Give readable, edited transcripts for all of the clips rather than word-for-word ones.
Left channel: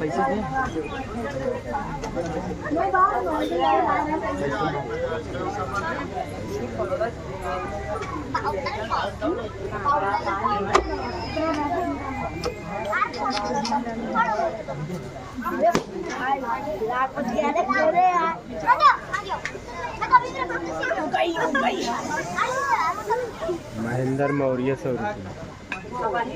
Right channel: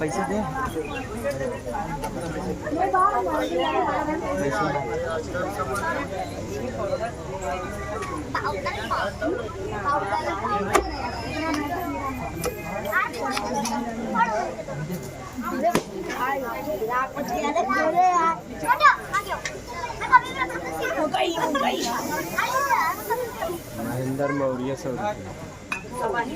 पैसे दे महेंद्र मौर्य 100 रुपये।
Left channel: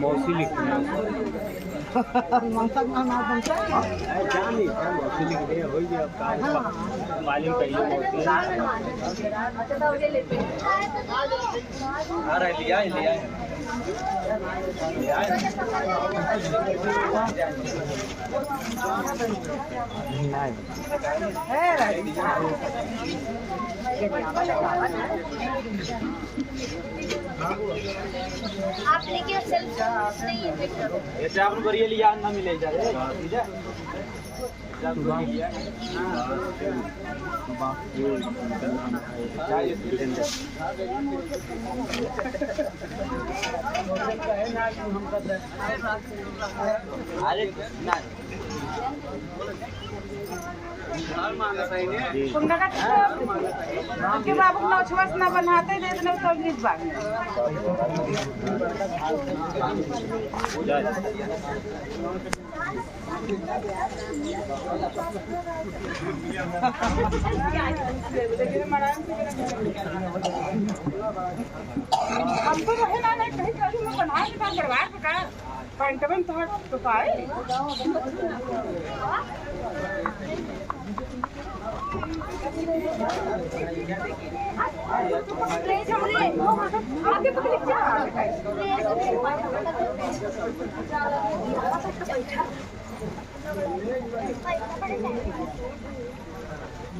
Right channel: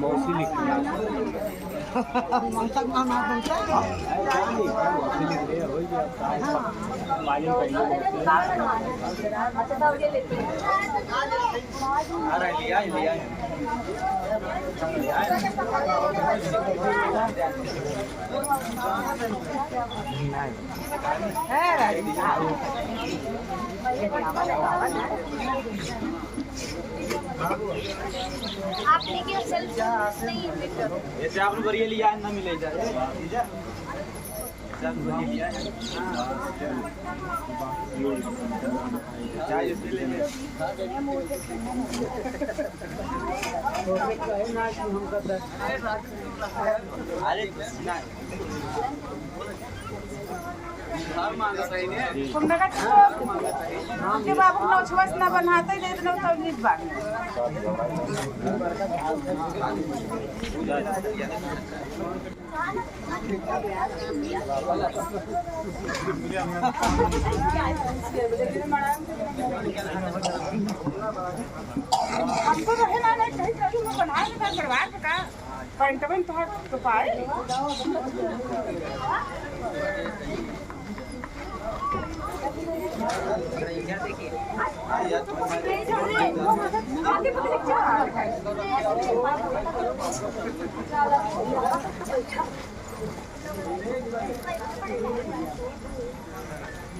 मौसी लिखती है आप लेके ऐसे आप लोग करिए लिया ना मिले जा ठीक है बाबू नौछवास न बनाते दे दो तबलीग बाग हमको रहे ना नहीं कहीं कहीं में बना के परिवार का पैंटवन तो पाए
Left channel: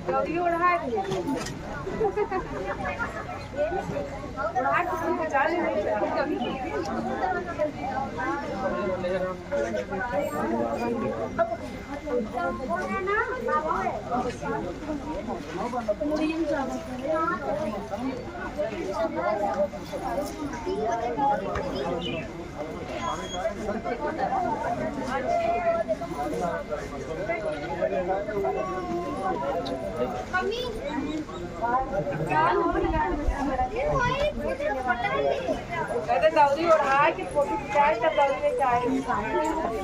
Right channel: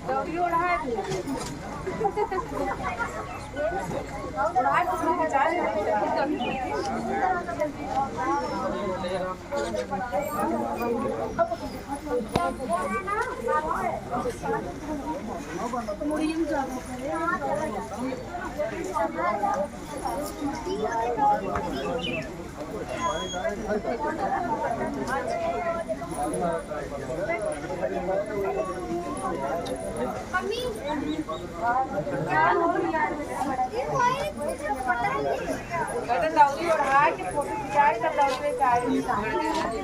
गौरी ओढ़ा दिया दौरी ओढ़ा के फोटो खिंचाए तब दौरे का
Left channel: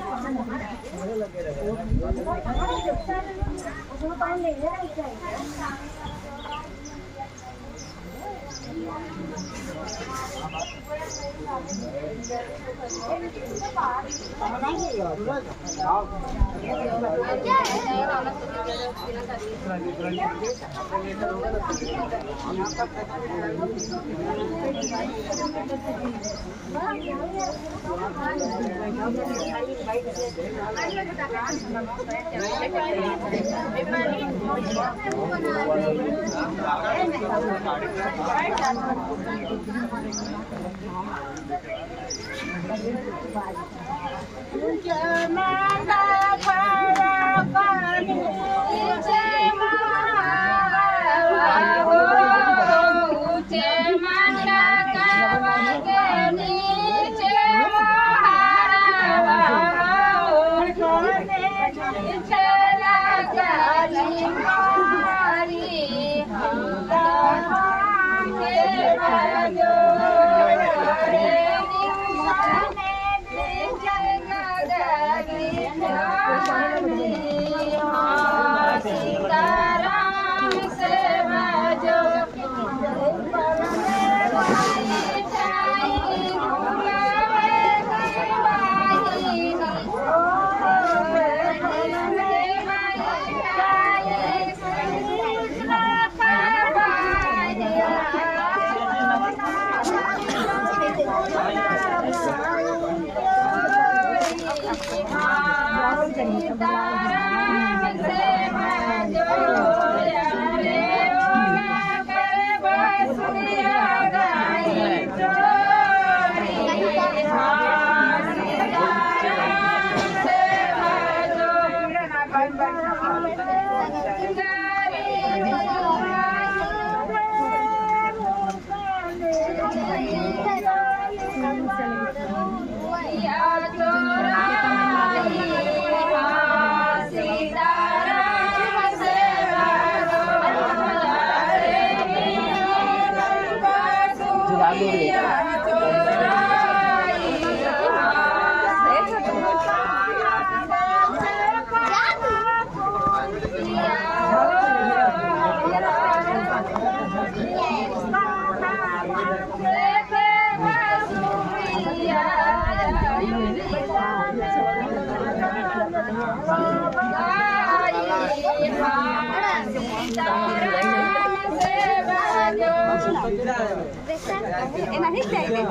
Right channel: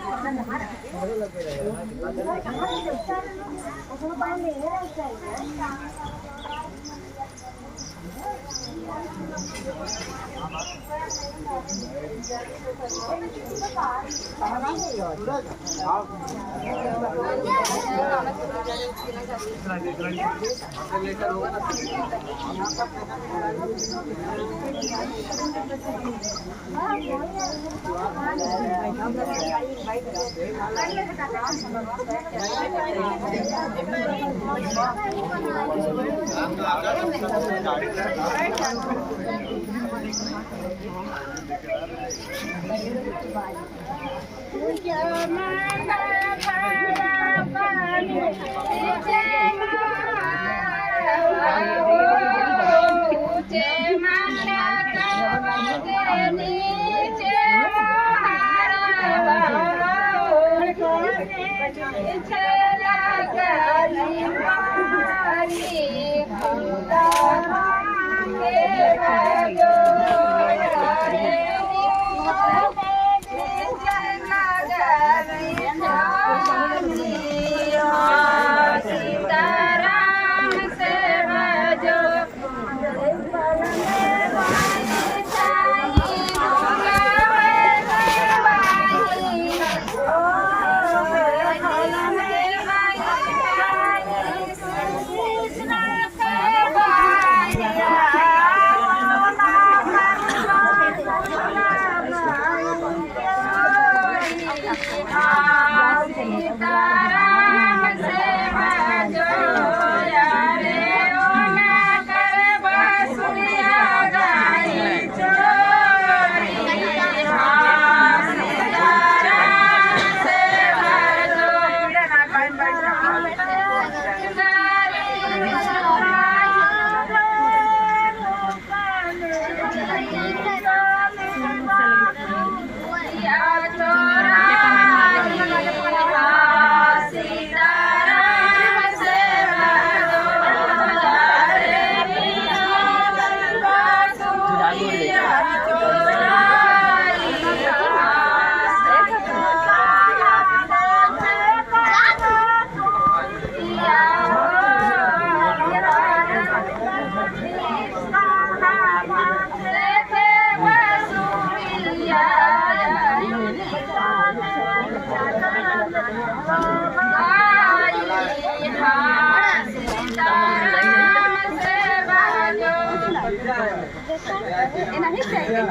नहीं चाहिए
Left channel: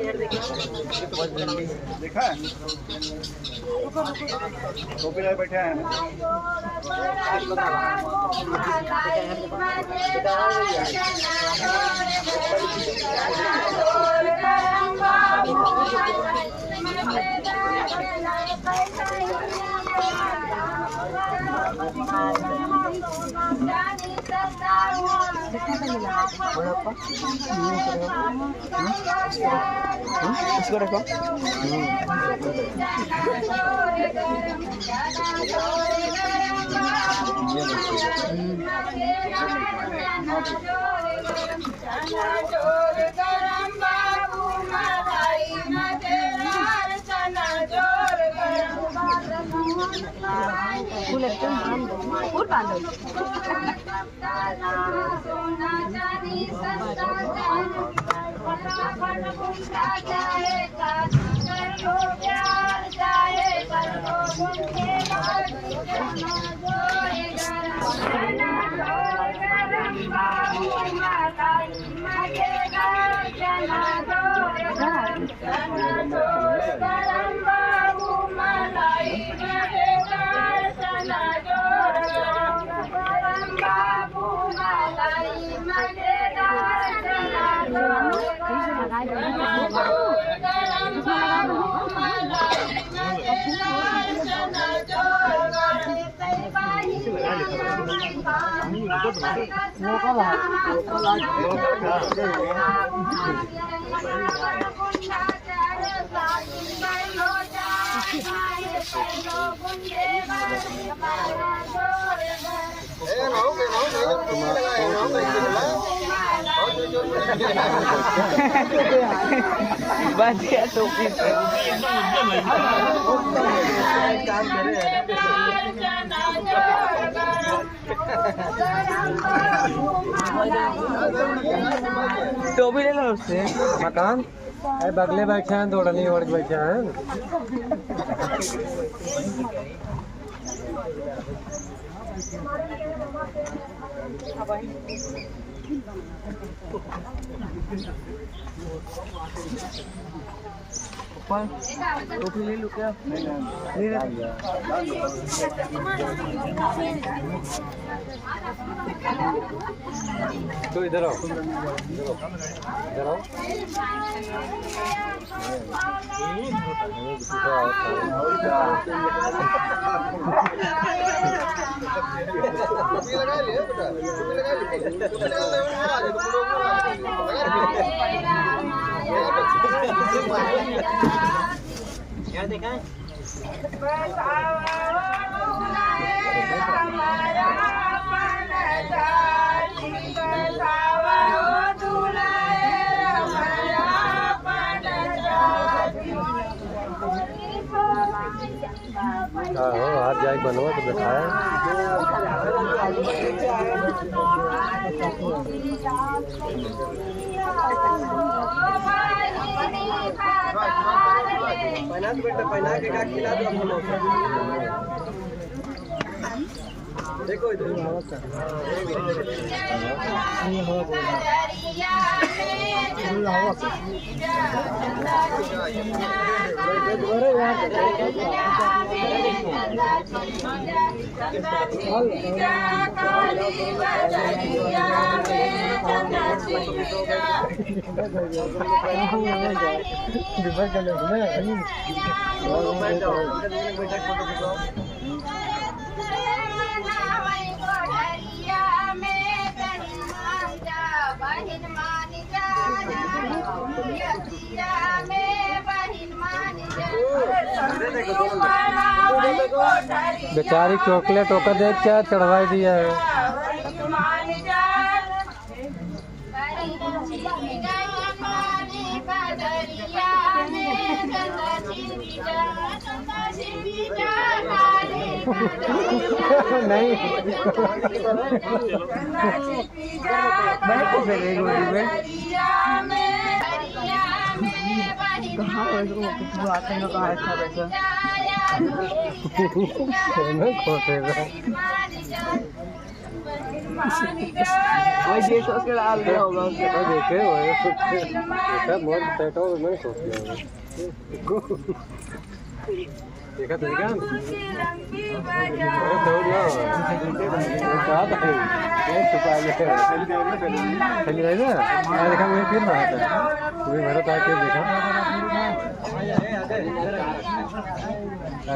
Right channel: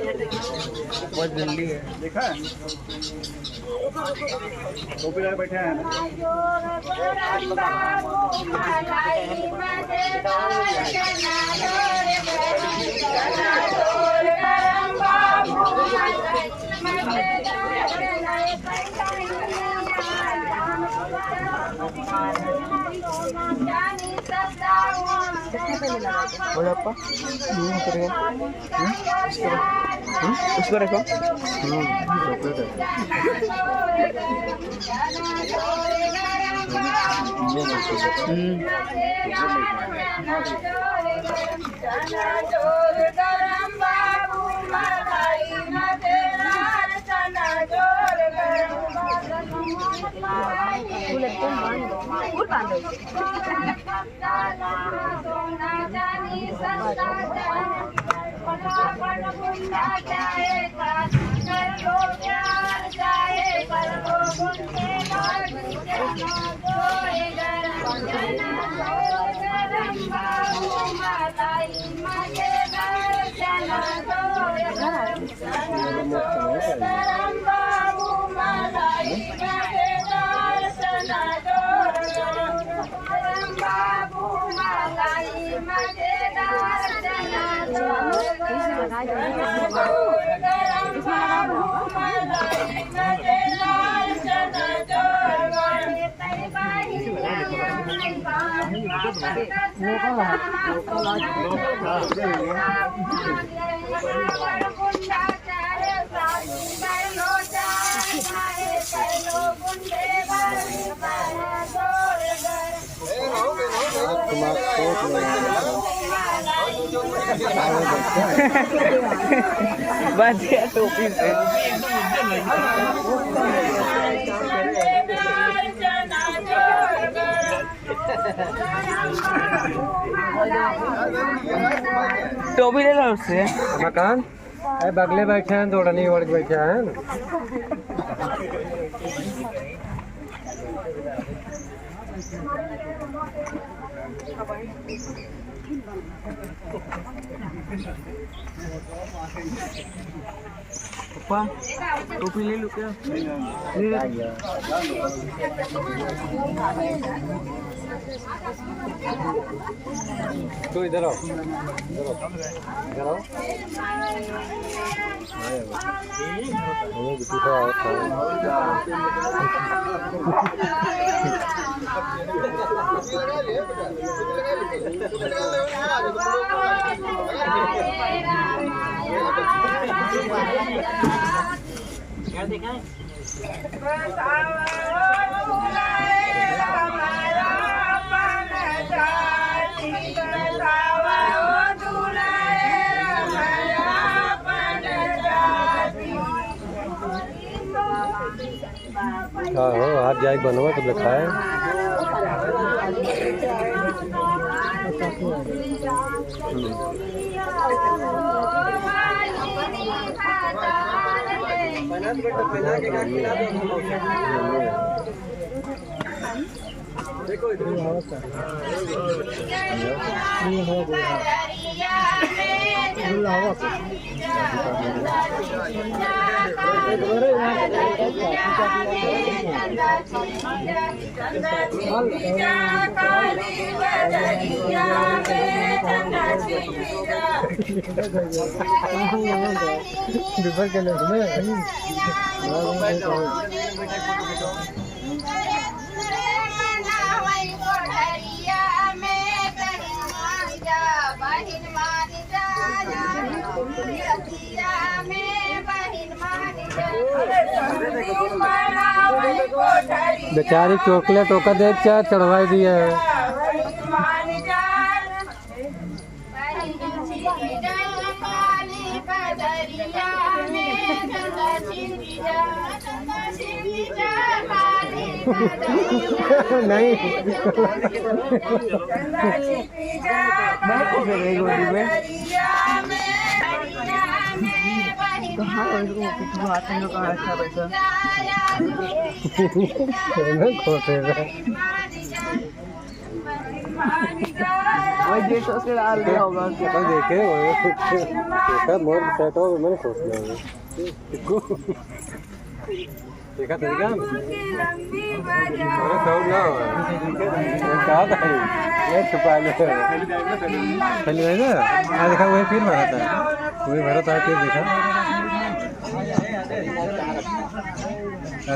बहुत जल्दी है। देखा है टोपी लगा बैठे हैं उसको रखो Babu बच गया टोपी से टोपी ले लो उससे मकान बगले बैठे हैं दौड़ने ओढ़ के बैठे हैं टोपी ले लो क्या तो इधर आओ इधर आओ क्या देखा है हाथ जाए बनवा तो लिखा है देखो बेचारी चॉकलेट होकर दे क्या चढ़वाई दिया है नहीं वही 150 के डाल दिया होगा उसके देखे मोर सेटो मैंने सोच लिया देखा तो क्या छुपा चली गई ना मैं देखा वही फिर रहा था तुम्हें भरत आके देखा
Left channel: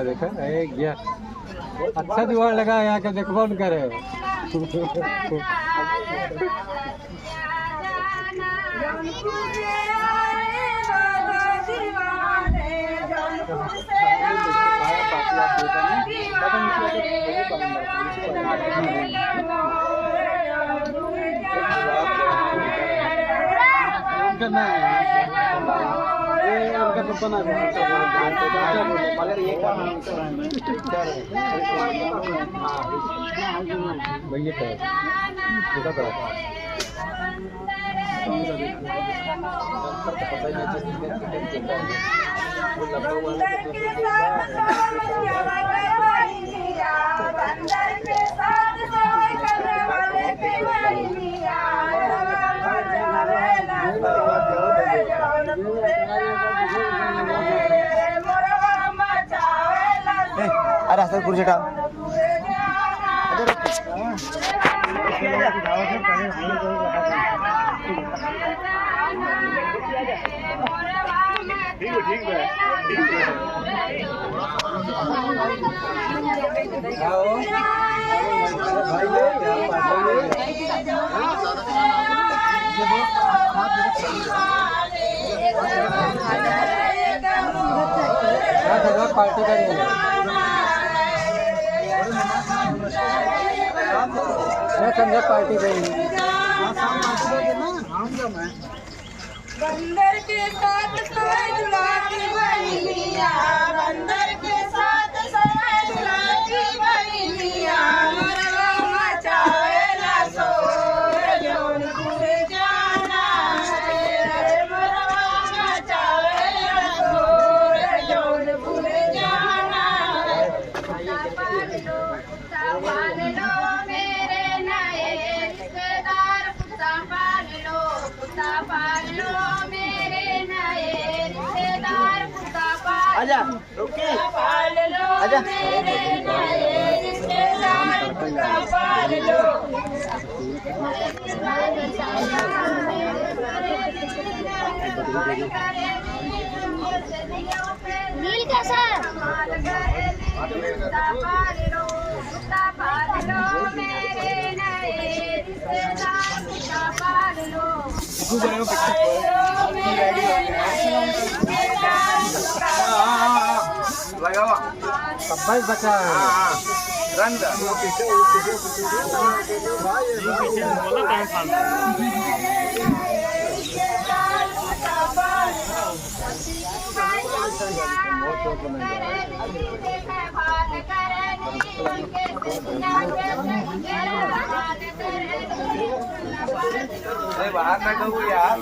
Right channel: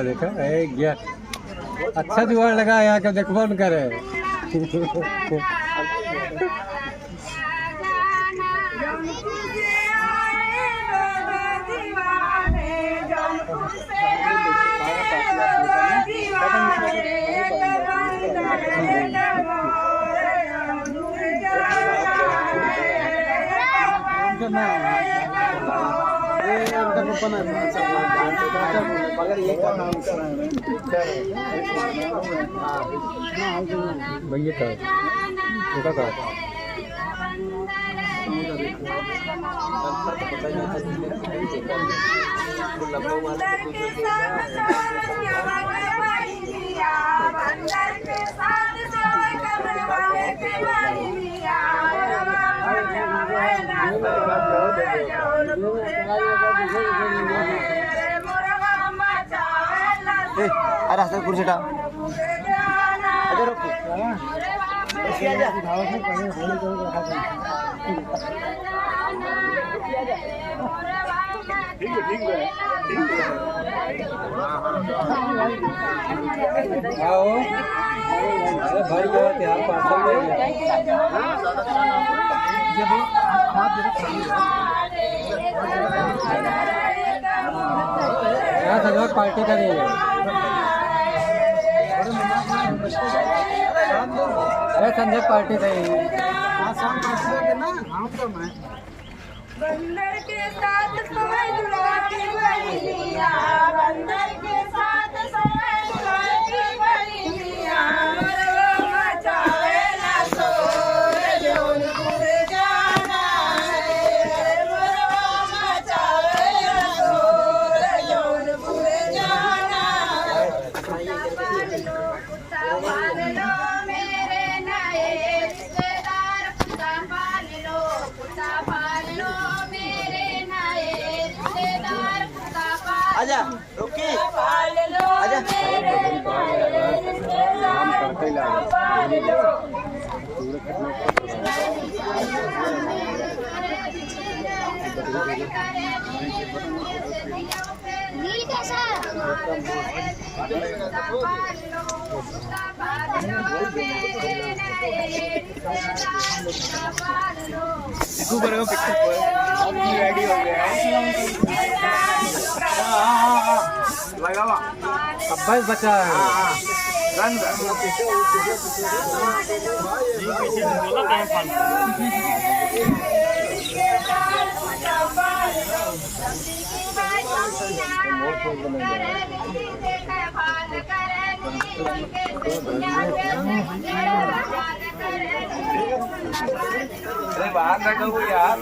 देखा गया अच्छा जुगाड़ लगा यहाँ के देखो न करे रास्ते कुर्सी उठा ठीक है आओ भाई ये क्या पार्सल जब वो आप जरा खाली क्या जगह पार्टी करेंगे संजय पार्टी करेंगे शाम पार्टी करोगे ना हम तो मैं बंदर के साथ सोए दुलारी बहनिया बंदर के साथ सोए दुलारी बहनिया मरवा मचावे ना सोर जौनपुर जाना है मरवा मचावे ना सोर जौनपुर जाना है मेरे नए रिश्तेदार कुत्ता पाल लो मेरे नए रिश्तेदार कुत्ता आजा रुकी पाल लो आजा मेरे नए रिश्तेदार कुत्ता पाल लो नील कैसा अब्बाई बचा है अरे बाहर बैठो यार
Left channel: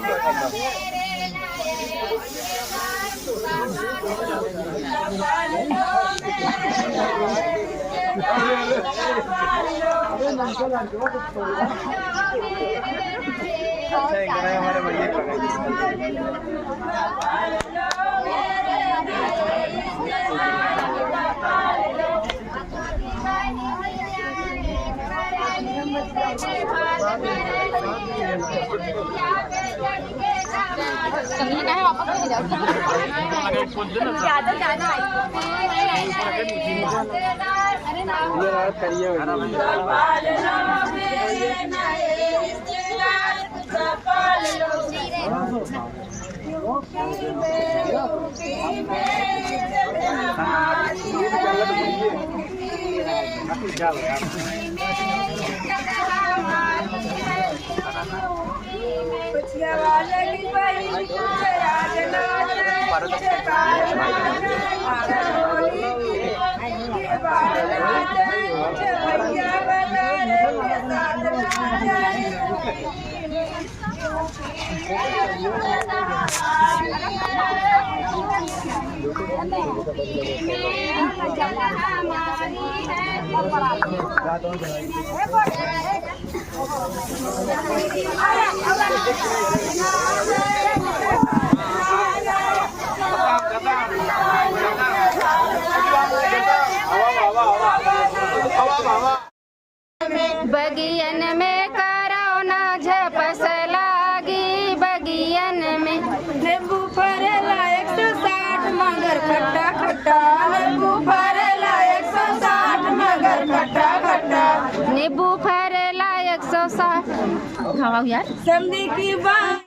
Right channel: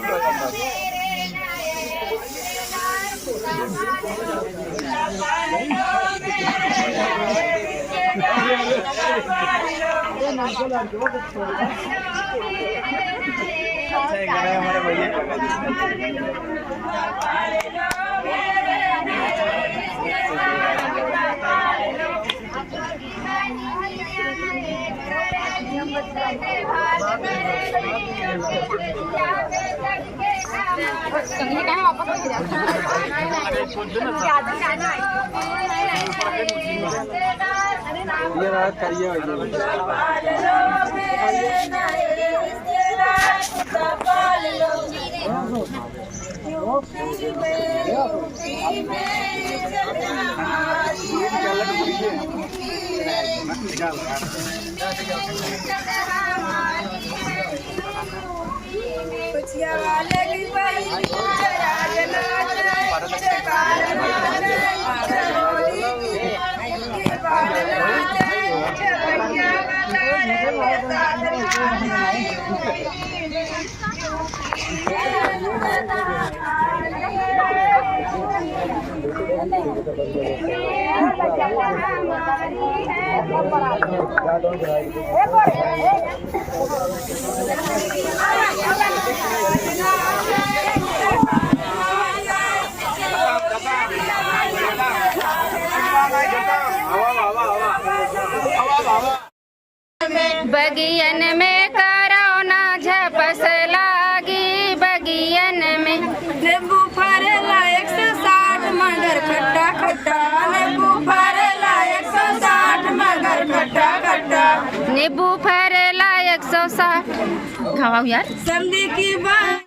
अच्छा एक गाना हमारे भैया ये रात करिए बगियन में करौना झपस लागी बगियन में नींबू फरेला 160 मगर खट्टा खट्टा नींबू फरेला 160 मगर खट्टा खट्टा नींबू फरेला 160 खाओ यार समधी की बात